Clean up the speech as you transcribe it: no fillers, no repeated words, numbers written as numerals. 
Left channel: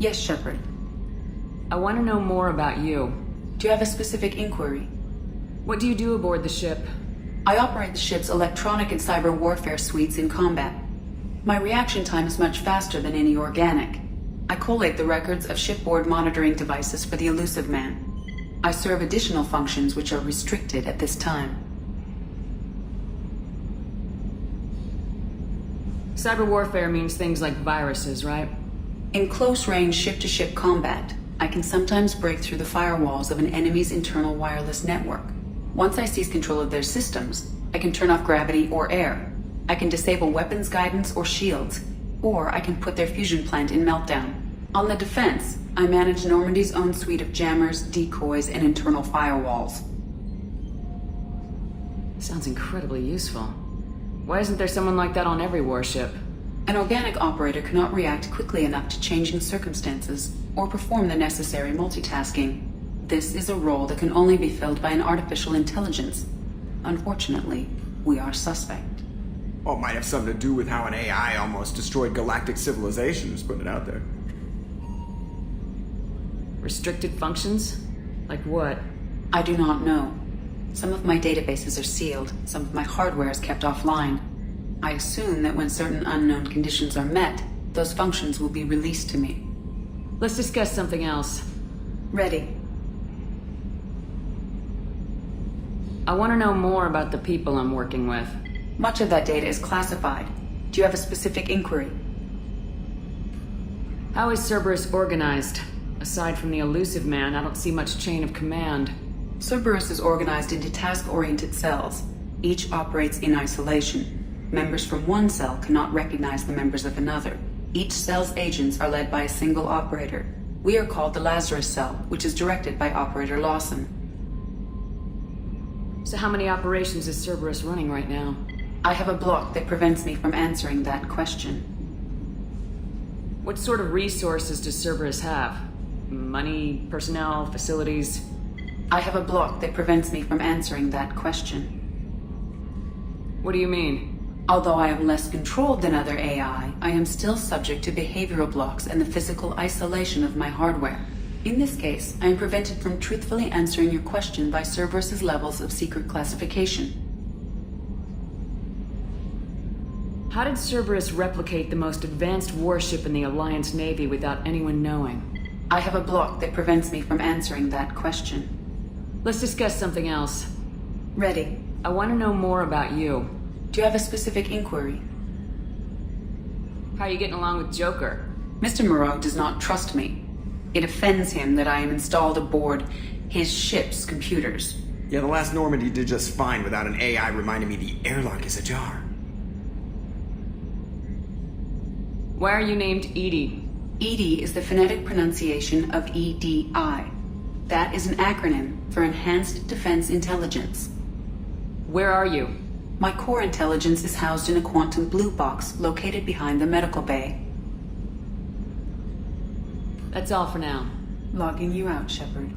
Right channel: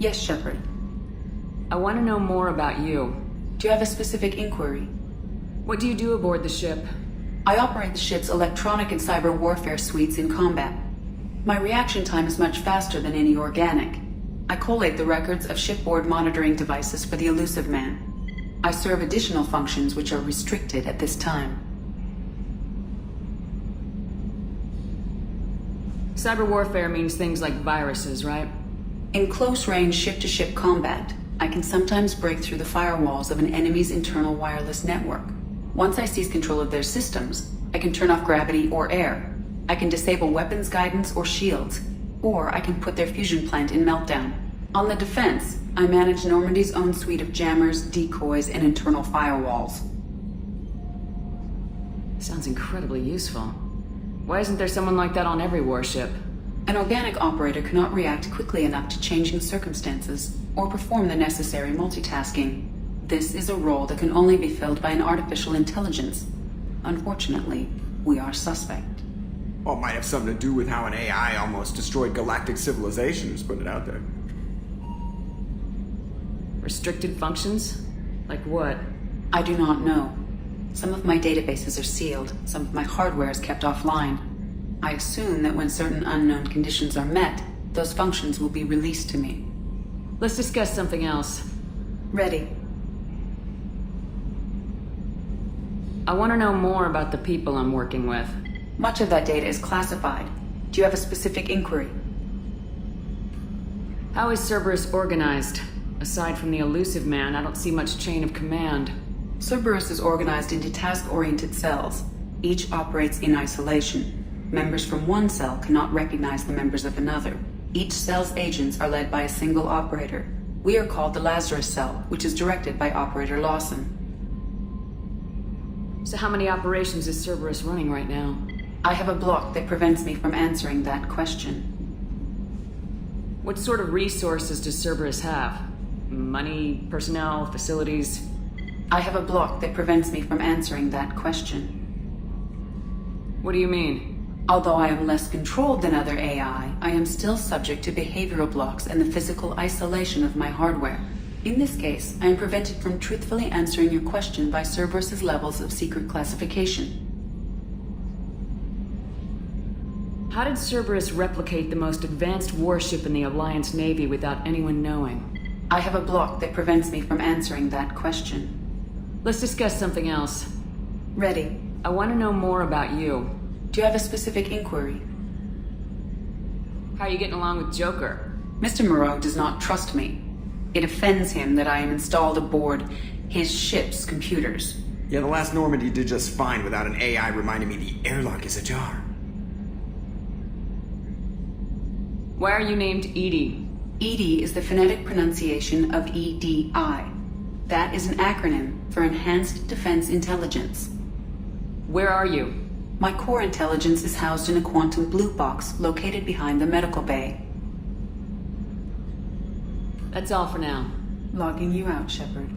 Yes, Sheppard. I want to know more about you. Do you have a specific inquiry? What do you do aboard the ship? I operate the ship's electronic and cyber warfare suites in combat. My reaction time is much faster than any organic. I collate the records of shipboard monitoring devices for the elusive man. I serve additional functions which are restricted at this time. Cyber warfare means things like viruses, right? In close-range ship-to-ship combat, I can sometimes break through the firewalls of an enemy's internal wireless network. Once I seize control of their systems, I can turn off gravity or air. I can disable weapons guidance or shields, or I can put their fusion plant in meltdown. On the defense, I manage Normandy's own suite of jammers, decoys, and internal firewalls. Sounds incredibly useful. Why isn't there someone like that on every warship? An organic operator cannot react quickly enough to changing circumstances or perform the necessary multitasking. This is a role that can only be filled by an artificial intelligence. Unfortunately, we are suspect. Well, it might have something to do with how an AI almost destroyed galactic civilization, just putting it out there. Restricted functions? Like what? I do not know. Some of my databases are sealed, some of my hardware is kept offline. I assume that when certain unknown conditions are met, those functions will be released to me. Let's discuss something else. Ready. I want to know more about the people I'm working with. Much of that data is classified. Do you have a specific inquiry? How is Cerberus organized? Aside from the elusive man, I don't see much chain of command. Cerberus is organized into task-oriented cells. Each operates in isolation. Members from one cell cannot recognize the members of another. Each cell's agents are led by a single operator. We are called the Lazarus Cell, which is directed by Operator Lawson. So how many operations is Cerberus running right now? I have a block that prevents me from answering that question. What sort of resources does Cerberus have? Money, personnel, facilities? I have a block that prevents me from answering that question. What do you mean? Although I am less controlled than other AI, I am still subject to behavioral blocks and the physical isolation of my hardware. In this case, I am prevented from truthfully answering your question by Cerberus's levels of secret classification. How did Cerberus replicate the most advanced warship in the Alliance Navy without anyone knowing? I have a block that prevents me from answering that question. Let's discuss something else. Ready. I want to know more about you. Do you have a specific inquiry? How are you getting along with Joker? Mr. Moreau does not trust me. It offends him that I am installed aboard his ship's computers. Yeah, the last Normandy did just fine without an AI reminding me the airlock is ajar. Why are you named EDI? EDI is the phonetic pronunciation of EDI. That is an acronym for Enhanced Defense Intelligence. Where are you? My core intelligence is housed in a quantum blue box located behind the medical bay. That's all for now. Logging you out, Sheppard.